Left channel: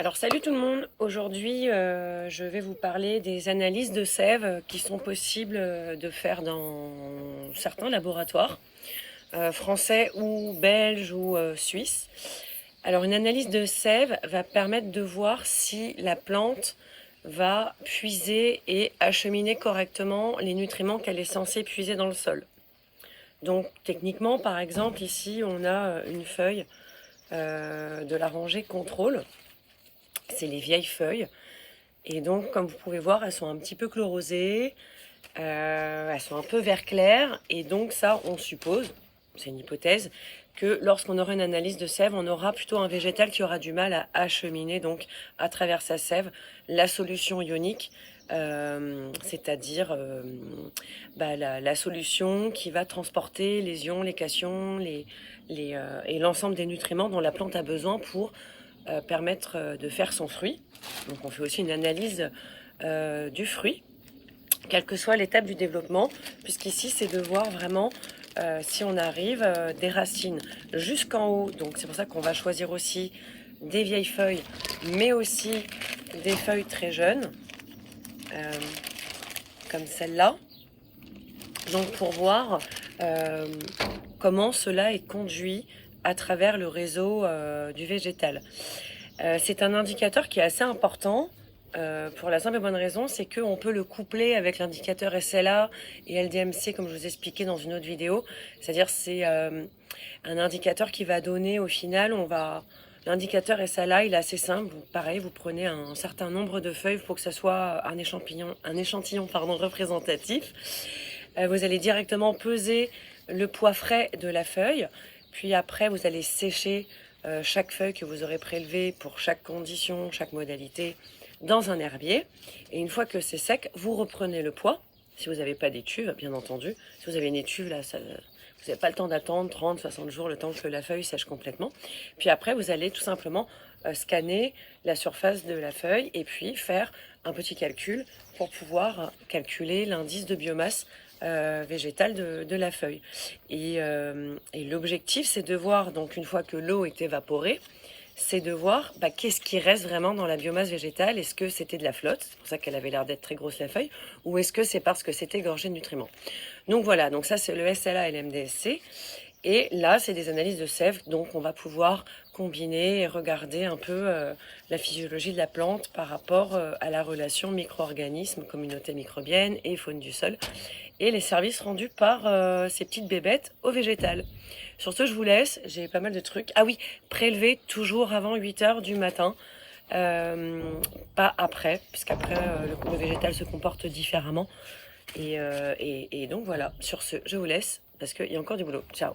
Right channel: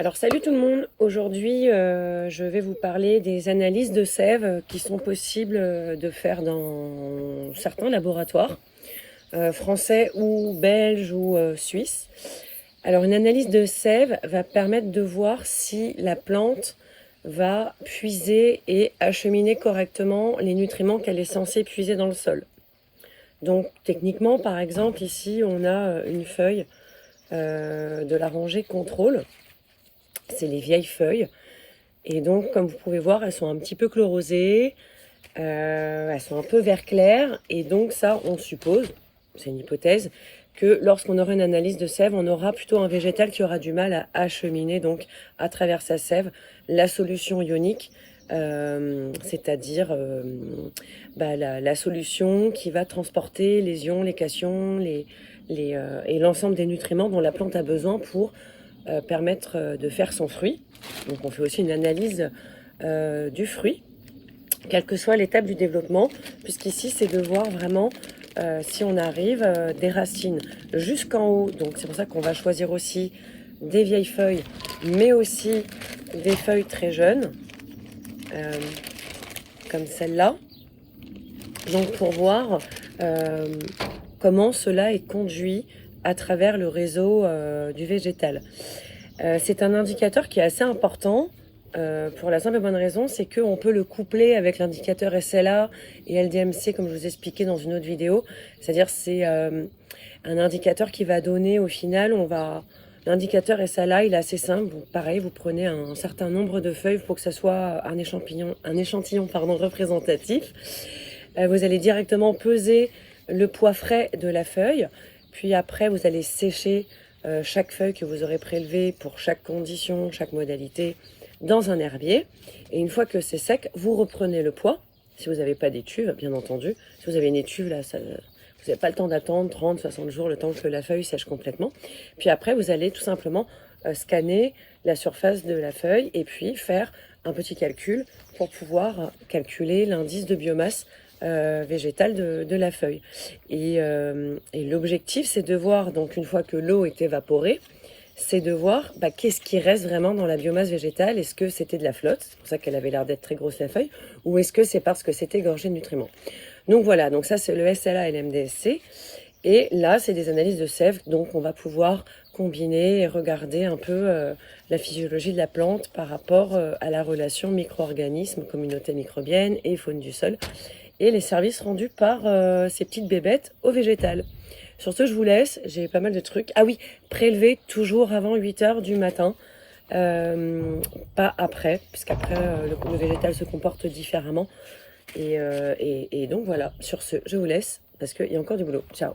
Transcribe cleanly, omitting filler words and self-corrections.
Alors salut tout le monde, aujourd'hui je vais vous parler des analyses de sève qui sont possibles de faire dans certains laboratoires français ou belges ou suisses. Alors une analyse de sève va permettre de voir si la plante va puiser et acheminer correctement les nutriments qu'elle est censée puiser dans le sol. Donc techniquement par exemple ici on a une feuille de la rangée contrôle. C'est les vieilles feuilles. Et donc, comme vous pouvez voir, elles sont un petit peu chlorosées, elles sont un peu vert clair. Et donc ça, on suppose, c'est une hypothèse, que lorsqu'on aura une analyse de sève, on aura plutôt un végétal qui aura du mal à acheminer donc à travers sa sève la solution ionique, c'est-à-dire la solution qui va transporter les ions, les cations, et l'ensemble des nutriments dont la plante a besoin pour permettre de faire son fruit. Donc on fait aussi une analyse du fruit, quelle que soit l'étape du développement, puisqu'ici c'est de voir vraiment si on arrive des racines jusqu'en haut. Donc c'est pour ça qu'on va choisir aussi des vieilles feuilles, mais aussi des feuilles très jeunes, comme celle-là. Donc pour voir comment cela est conduit à travers le réseau du végétal. C'est un indicateur qui est assez important pour la simple et bonne raison, c'est qu'on peut le coupler avec l'indicateur SLA et LDMC comme je vous expliquais dans une autre vidéo. C'est-à-dire c'est un indicateur qui va donner au final, l'indicateur SLA il est assez simple. Pareil, vous prenez un certain nombre de feuilles pour que ça soit un échantillon représentatif. Vous allez directement peser le poids frais de la feuille, puis après vous allez sécher chaque feuille que vous aurez prélevée pour chaque condition, chaque modalité, dans un herbier. Et une fois que c'est sec, vous reprenez le poids. Si vous n'avez pas d'étuve, bien entendu. Si vous avez une étuve, là, vous n'avez pas le temps d'attendre 30, 60 jours, le temps que la feuille sèche complètement. Puis après, vous allez tout simplement scanner la surface de la feuille et puis faire un petit calcul pour pouvoir calculer l'indice de biomasse végétale de la feuille. Et l'objectif, c'est de voir, donc une fois que l'eau est évaporée, c'est de voir qu'est-ce qui reste vraiment dans la biomasse végétale. Est-ce que c'était de la flotte, c'est pour ça qu'elle avait l'air d'être très grosse la feuille, ou est-ce que c'est parce que c'était gorgé de nutriments. Donc voilà, donc ça c'est le SLA et l'MDSC. Et là, c'est des analyses de sève, donc on va pouvoir combiner et regarder un peu la physiologie de la plante par rapport à la relation micro-organismes, communauté microbienne et faune du sol, et les services rendus par ces petites bébêtes au végétal. Sur ce, je vous laisse, j'ai pas mal de trucs. Ah oui, prélever toujours avant 8 heures du matin, pas après, puisqu'après le végétal se comporte différemment. Et donc voilà, sur ce, je vous laisse, parce qu'il y a encore du boulot. Ciao.